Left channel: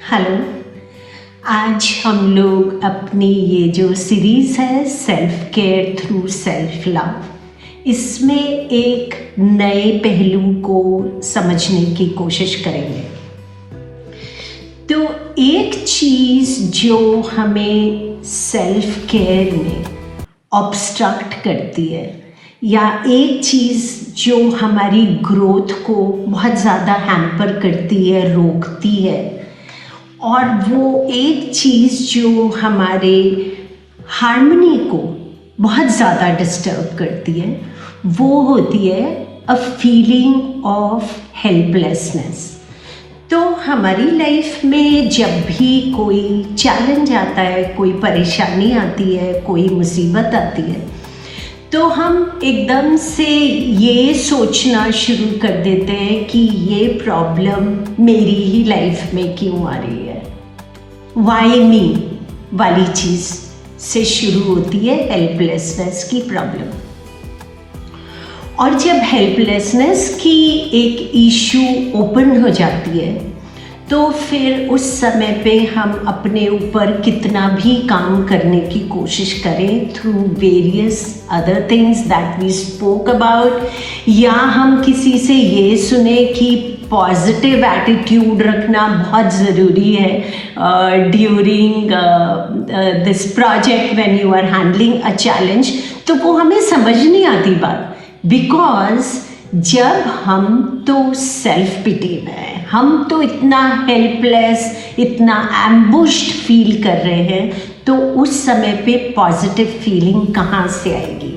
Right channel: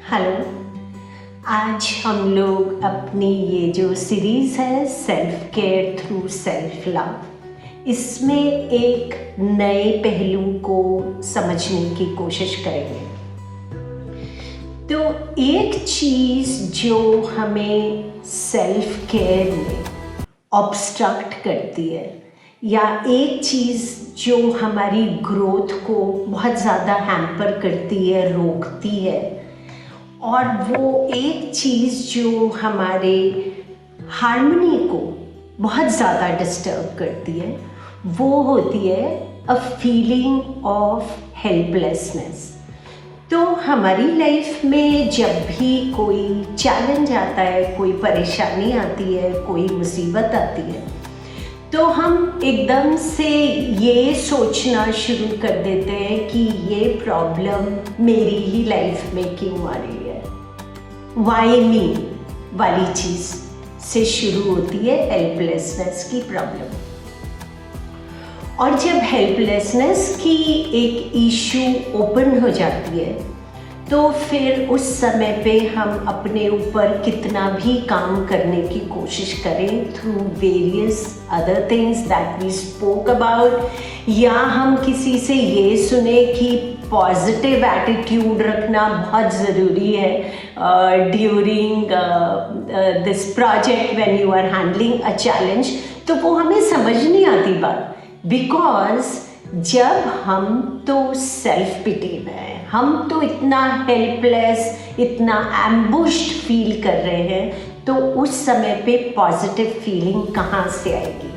Hello. आज हम लोग अपनी ये जो सीरीज़ है self care through self love, इसमें एक नए पहलू को समझने की कोशिश करेंगे। तो एक चीज़ जो हमें सेल्फ केयर में ऑब्स्ट्रक्ट करती है या एक चीज़ जो हमारी ग्रोथ को बहुत ज़्यादा हैम्पर करती है, रोकती है, और वो एक चीज़ जो हमारे हार्मनी को बहुत ज़्यादा डिस्टर्ब करती है, वो होती है अ फीलिंग ऑफ हेल्पलेसनेस। तो हमारी लाइफ में जब भी कोई चैलेंज आता है, कोई परेशानी आती है, कोई मुसीबत आती है, तो हम एकदम से ये सोचना शुरू कर देते हैं कि ये प्रॉब्लम मेरी ही लाइफ में क्यों आ रही है। वाई मी वाली चीज़ से शुरू होती है हेल्पलेसनेस की प्रॉब्लम। और जब हेल्पलेसनेस की एक इशू ओपन हो जाती है तो फिर उस समय पे हम अपने ऊपर कितना भी काम करने की कोशिश करें through various other things that we spoke about, या हम किसी से ये सुने कि पॉजिटिव एटीट्यूड रखना बहुत ज़रूरी है during this project when you are handling a challenge, तो वो हमें समझ नहीं आती बात। बिकॉज जब हम तो सेल्फ पिटी में हैं, हम तो इतना हेल्पलेस, इतना एम्बुश्ड फील कर रहे हैं, तो उस समय पे पॉजिटिव फीलिंग कहाँ से आएगी।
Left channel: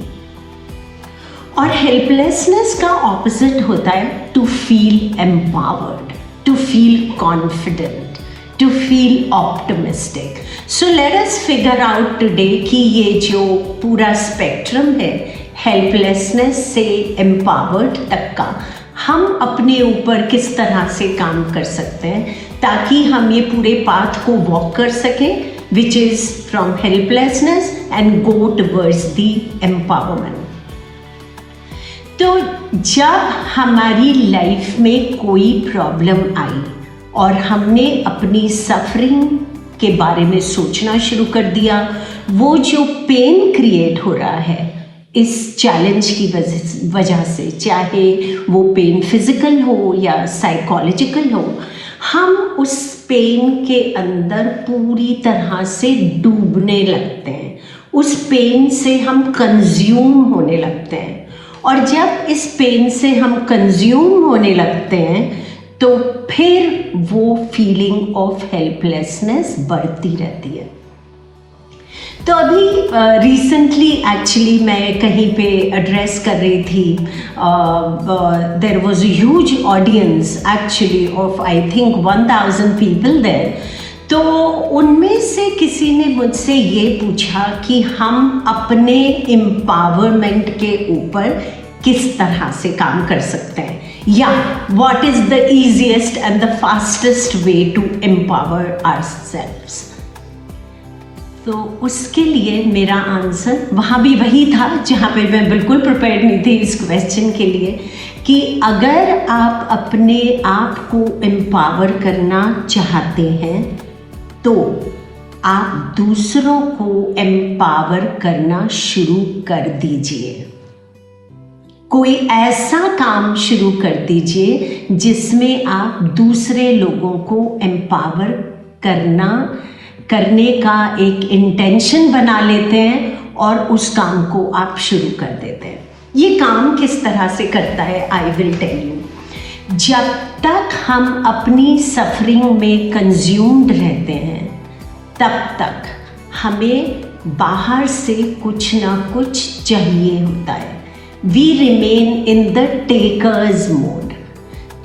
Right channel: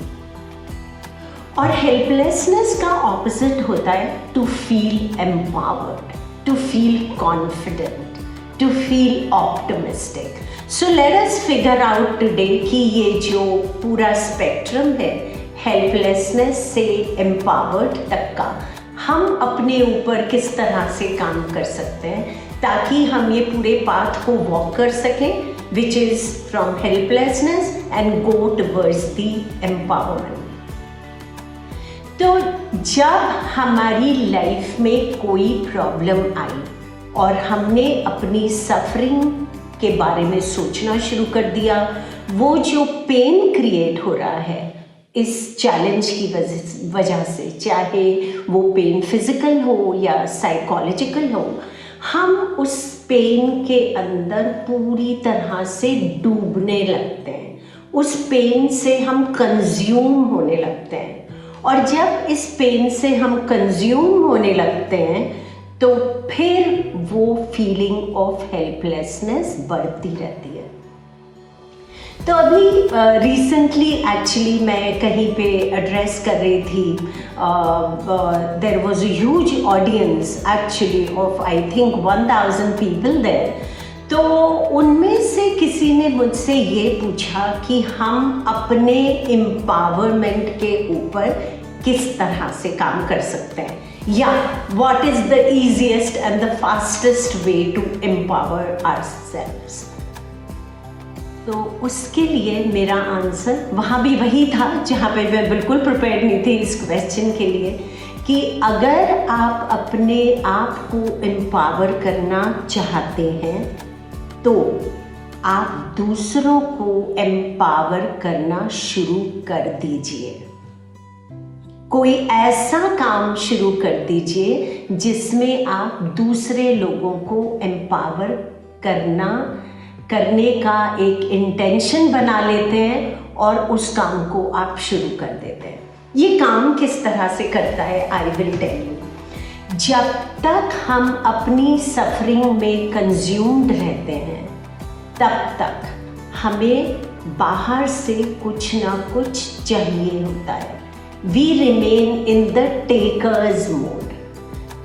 और हेल्पलेसनेस का ऑपोजिट होता है to feel empowered, to feel confident, to feel optimistic. So let us figure out today कि ये जो पूरा स्पेक्ट्रम है हेल्पलेसनेस से एम्पावर्ड तक का, हम अपने ऊपर किस तरह से काम कर सकते हैं ताकि हम ये पूरे पाथ को वॉक कर सकें, which is from helplessness and go towards the empowerment. तो जब हमारी लाइफ में कोई प्रॉब्लम आई और हमने अपनी सफरिंग के बारे में सोचना शुरू कर दिया, वो जो पेन क्रिएट हो रहा है इस चैलेंज की वजह से, चाहे वो पेन फिजिकल हो या साइकोलॉजिकल हो, हम उस पेन के अंदर पूरी तरह से डूबने लगते हैं, उस पेन से हम कंज्यूम होने लगते हैं। और जब इस पेन से हम कंज्यूम होने लगते हैं तो फिर वो फीलिंग ऑफ हेल्पलेसनेस बढ़ती रहती है। तो अभी रिसेंटली एक्चुअली मैं कहीं पे एड्रेस कर रही थी, there was a huge audience actually of I think 1000 people there. तो उनमें से किसी ने मुझसे ये पूछा कि हम अपने एम्पावरमेंट के ऊपर किस तरह से काम कर सकते हैं, या what is the easiest and the fastest way to empower ourselves. तो उसके लिए मेरा आंसर वहाँ भी वही था जहाँ पे मैं बिल्कुल प्रिपेयर्ड नहीं थी इस क्वेश्चन के लिए, कि अगर आप अपने आप को एम्पावर करना चाहते हैं तो आप दूसरों को एम्पावर करना शुरू कर दीजिए। कोई ऐसा काम शुरू कर दीजिए जिसमें आप दूसरे लोगों को एम्पावर करने का एक इंटेंशन बना लेते हैं और उस काम को आप शुरू कर देते हैं। ये काम किस तरह से करता है आई विल टेल यू। जब तक हम अपनी सफरिंग में कंज्यूम्ड रहते हैं तब तक हमें बाहर से कुछ ना कुछ चाहिए होता है। We remain in the takers mode.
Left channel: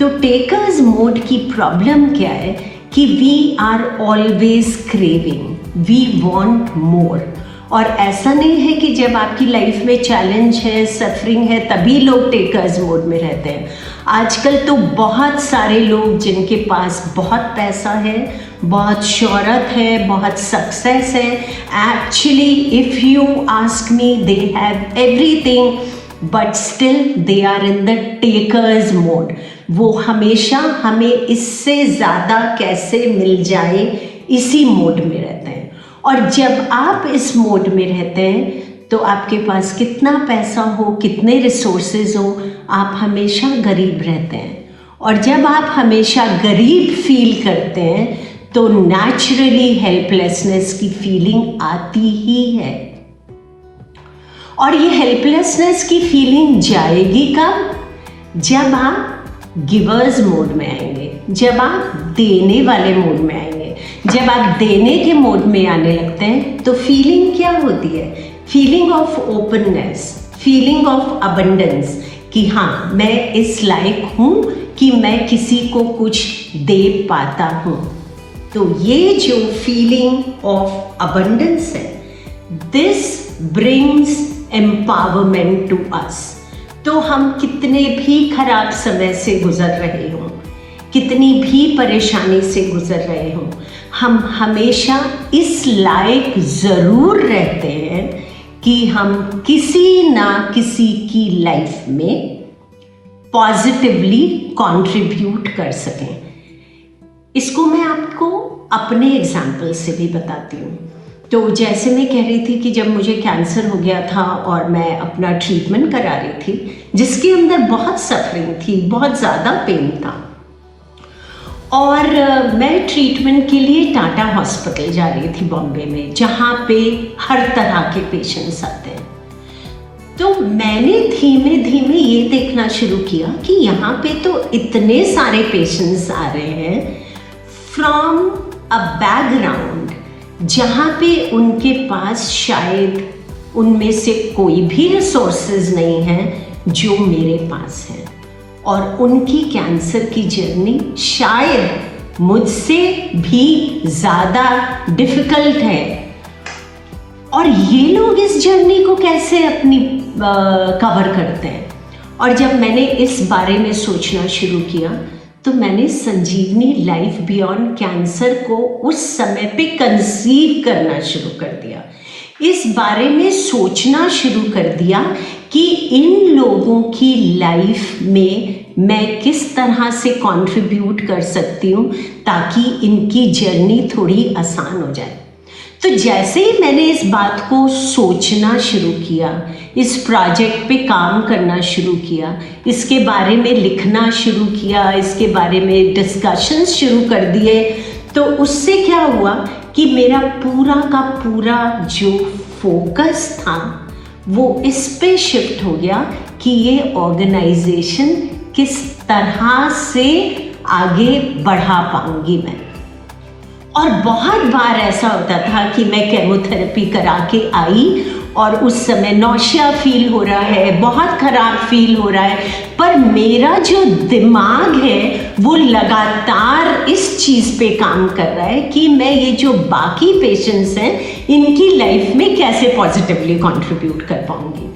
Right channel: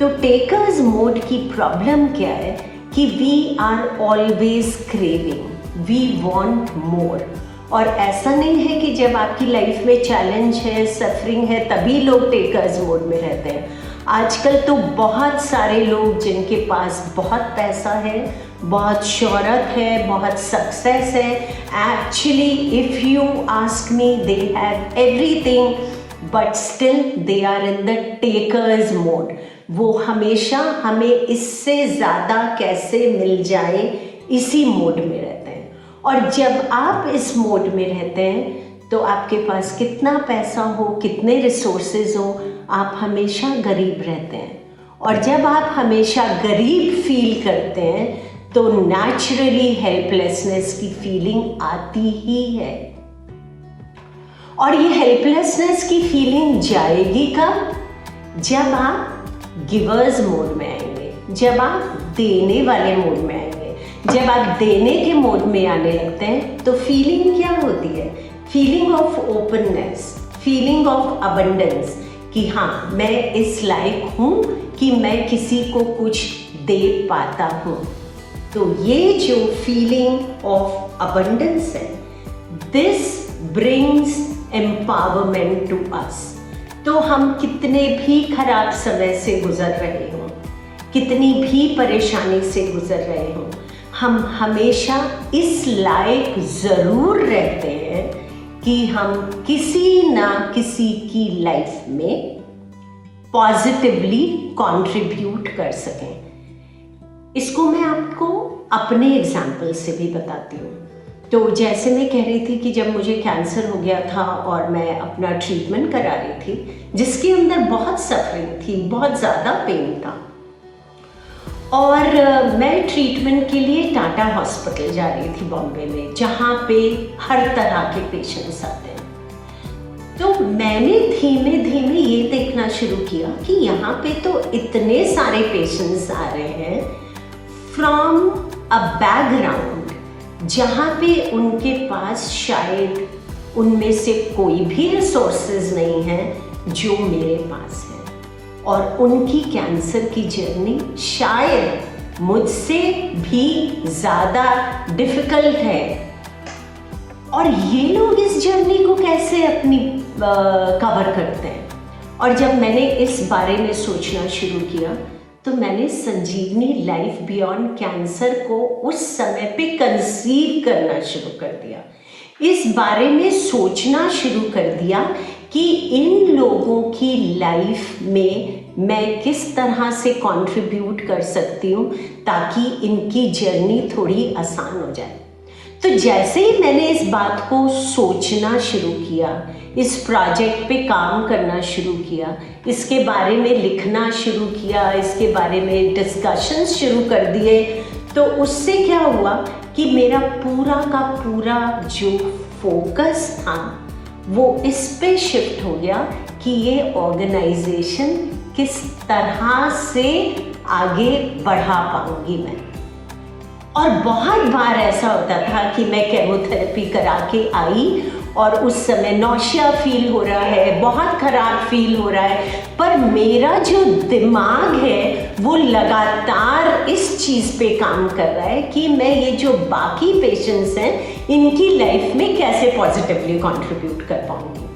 तो टेकर्स मोड की प्रॉब्लम क्या है कि we are always craving, we want more. और ऐसा नहीं है कि जब आपकी लाइफ में चैलेंज है, सफरिंग है, तभी लोग टेकर्स मोड में रहते हैं। आजकल तो बहुत सारे लोग जिनके पास बहुत पैसा है, बहुत शोहरत है, बहुत सक्सेस है, actually if you ask me they have everything but still they are in the takers mode. वो हमेशा हमें इससे ज़्यादा कैसे मिल जाए इसी मोड में रहते हैं। और जब आप इस मोड में रहते हैं तो आपके पास कितना पैसा हो, कितने रिसोर्सेज हो, आप हमेशा गरीब रहते हैं। और जब आप हमेशा गरीब फील करते हैं तो नेचुरली हेल्पलेसनेस की फीलिंग आती ही है। और ये हेल्पलेसनेस की फीलिंग जाएगी कब? जब आप गिवर्स मोड में आएंगे, जब आप देने वाले मोड में आएंगे। जब आप देने के मोड में आने लगते हैं तो फीलिंग क्या होती है? Feeling of openness, feeling of abundance, कि हाँ मैं इस लायक हूँ कि मैं किसी को कुछ दे पाता हूँ। तो ये जो फीलिंग ऑफ अबंडेंस है, this brings empowerment to us. तो हम कितने भी खराब समय से गुजर रहे हों, कितनी भी परेशानी से गुजर रहे हों, हम हमेशा इस लायक ज़रूर रहते हैं कि हम किसी ना किसी की लाइफ में पॉजिटिवली कंट्रीब्यूट कर सकें। इसको मैं आपको अपने एग्जाम्पल से भी बताती हूँ। तो जैसे मैं कह रही थी कि जब मुझे कैंसर हो गया था और मैं अपना ट्रीटमेंट करा रही थी, जिसके अंदर बहुत सफरिंग थी, बहुत ज़्यादा पेन था, और मैं ट्रीटमेंट के लिए टाटा हॉस्पिटल जा रही थी बॉम्बे में, जहाँ पे हर तरह के पेशेंट्स आते हैं। तो मैंने धीमे धीमे ये देखना शुरू किया कि यहाँ पे तो इतने सारे पेशेंट्स आ रहे हैं फ्रॉम अ बैकग्राउंड जहाँ पे उनके पास शायद उनमें से कोई भी रिसोर्सेज नहीं है जो मेरे पास है, और उनकी कैंसर की जर्नी शायद मुझसे भी ज़्यादा डिफ़िकल्ट है। और ये लोग इस जर्नी को कैसे अपनी कवर करते हैं। और जब मैंने इस बारे में सोचना शुरू किया तो मैंने संजीवनी लाइफ बियॉन्ड कैंसर को उस समय पे कंसीव करना शुरू कर दिया। इस बारे में सोचना शुरू कर दिया कि इन लोगों की लाइफ में मैं किस तरह से कंट्रीब्यूट कर सकती हूँ ताकि इनकी जर्नी थोड़ी आसान हो जाए। तो जैसे ही मैंने इस बात को सोचना शुरू किया, इस प्रोजेक्ट पे काम करना शुरू किया, इसके बारे में लिखना शुरू किया, इसके बारे में डिस्कशंस शुरू कर दिए, तो उससे क्या हुआ कि मेरा पूरा का पूरा जो फोकस था वो इस पे शिफ्ट हो गया कि ये ऑर्गेनाइजेशन किस तरह से आगे बढ़ा पाऊंगी मैं। और बहुत बार ऐसा होता था कि मैं केमोथेरेपी करा के आई और उस समय नौशिया फील हो रहा है, बहुत खराब फील हो रहा है, पर मेरा जो दिमाग है वो लगातार इस चीज़ पे काम कर रहा है कि मैं ये जो बाकी पेशेंट्स हैं इनकी लाइफ में कैसे पॉजिटिवली कंट्रीब्यूट कर पाऊंगी।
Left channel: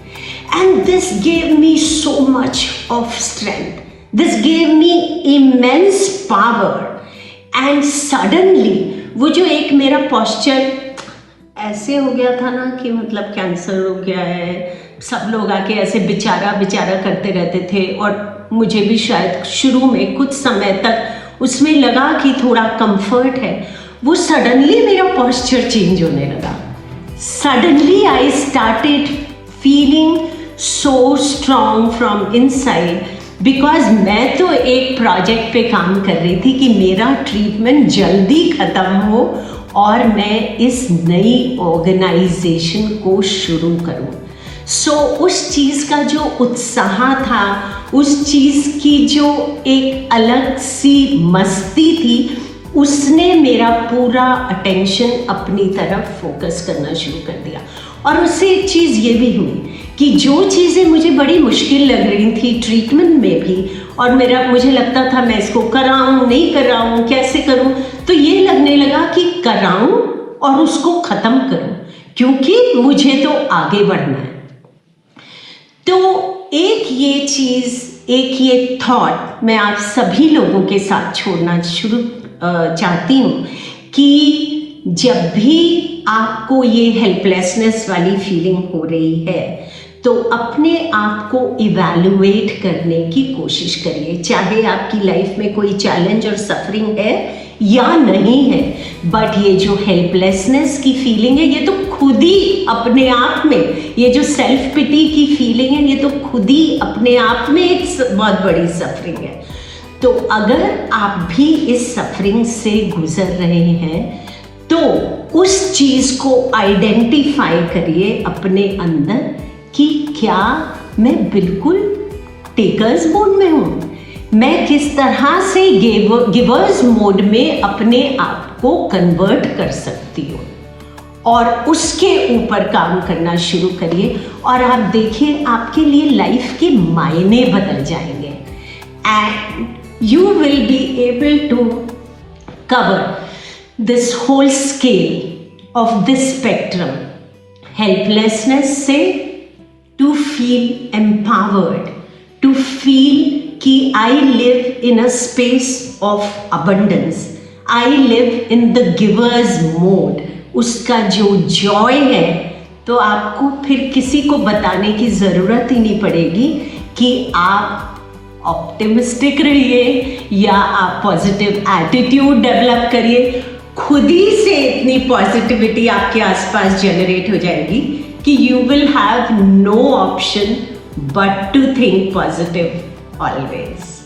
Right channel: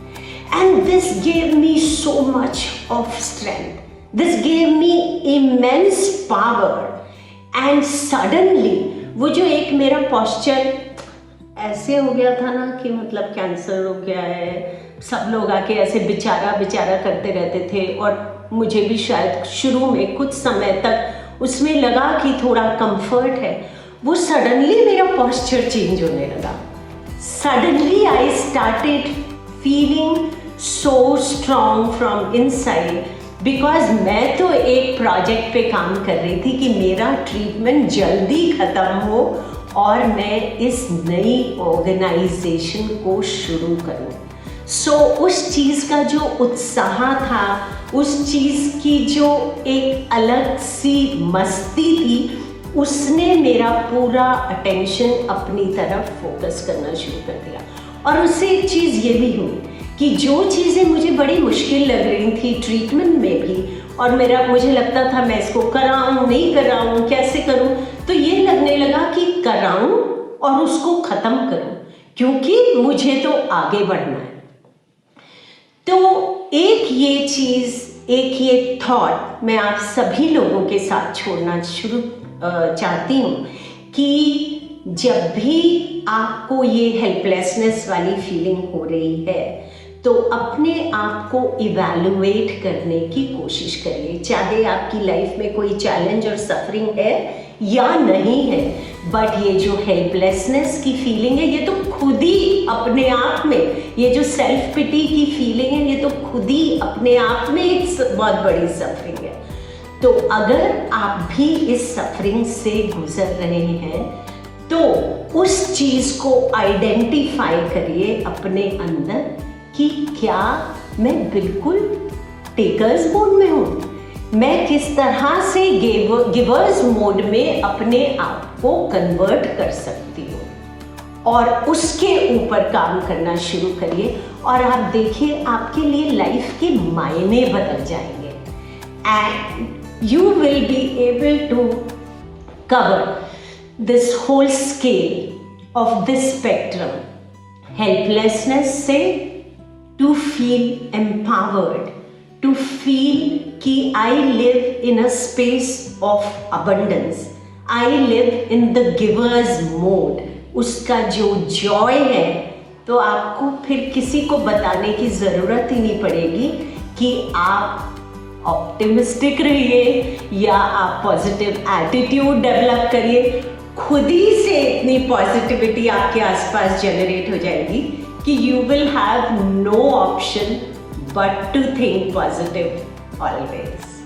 And this gave me so much of strength, this gave me immense power. And suddenly वो जो एक मेरा पोस्चर ऐसे हो गया था ना कि मतलब कैंसर हो गया है, सब लोग आके ऐसे बेचारा बेचारा करते रहते थे, और मुझे भी शायद शुरू में कुछ समय तक उसमें लगा कि थोड़ा कंफर्ट है, वो सडनली मेरा पोस्चर चेंज होने लगा। Suddenly I started feeling so strong from inside, because मैं तो एक प्रोजेक्ट पे काम कर रही थी कि मेरा ट्रीटमेंट जल्दी ख़त्म हो और मैं इस नई ऑर्गेनाइजेशन को शुरू करूं। सो उस चीज़ का जो उत्साह था, उस चीज़ की जो एक अलग सी मस्ती थी, उसने मेरा पूरा अटेंशन अपनी तरफ फोकस करना शुरू कर दिया। और उससे एक चीज़ ये भी हुई कि जो चीज़ें मुझे बड़ी मुश्किल लग रही थी ट्रीटमेंट में भी, और मुझे लगता था मैं इसको कराऊं नहीं कराऊं, कैसे करूं, तो ये लगने लगा कि कराऊं और उसको ख़त्म करूं, क्योंकि मुझे तो आगे बढ़ना है। तो एक ये चीज़, एक ये थॉट मैं आप सभी लोगों के साथ छोड़ना चाहती हूँ कि जब भी आपको ये हेल्पलेसनेस वाली फीलिंग हो रही है तो अपने आप को इवैल्यूएट करने की कोशिश करिए, चाहे आपकी लाइफ में कोई चैलेंज और सफरिंग है या नहीं है। बट ये जो हेल्पलेसनेस की फीलिंग है, ये तो खुद ही अपने आप में, ये जो सेल्फ पिटी की फीलिंग है, ये तो खुद ही अपने आप में एक बहुत बड़ी सफरिंग है। तो अगर आप भी इस सफरिंग से गुजर रहे हैं तो उस चीज को आइडेंटिफाई करिए अपने अंदर कि क्या मैं बिल्कुल टेकर्स मोड में हूं, मैं किस तरह से गिवर्स मोड में अपने आप को कन्वर्ट कर सकती हूँ, और उसके ऊपर काम करना शुरू करिए। और आप देखिए आपके लिए लाइफ के मायने बदल जाएंगे and you will be able to cover this whole scale of this spectrum, helplessness से to feel empowered, to feel कि I live in a space of abundance, I live in the giver's mode। उसका जो Joy है तो आपको फिर किसी को बताने की ज़रूरत ही नहीं पड़ेगी कि आप ऑप्टिमिस्टिक रहिए या आप पॉजिटिव एटीट्यूड डेवलप करिए। खुद ही से इतनी पॉजिटिविटी आपके आसपास जनरेट हो जाएगी कि you will have no option but to think positive always।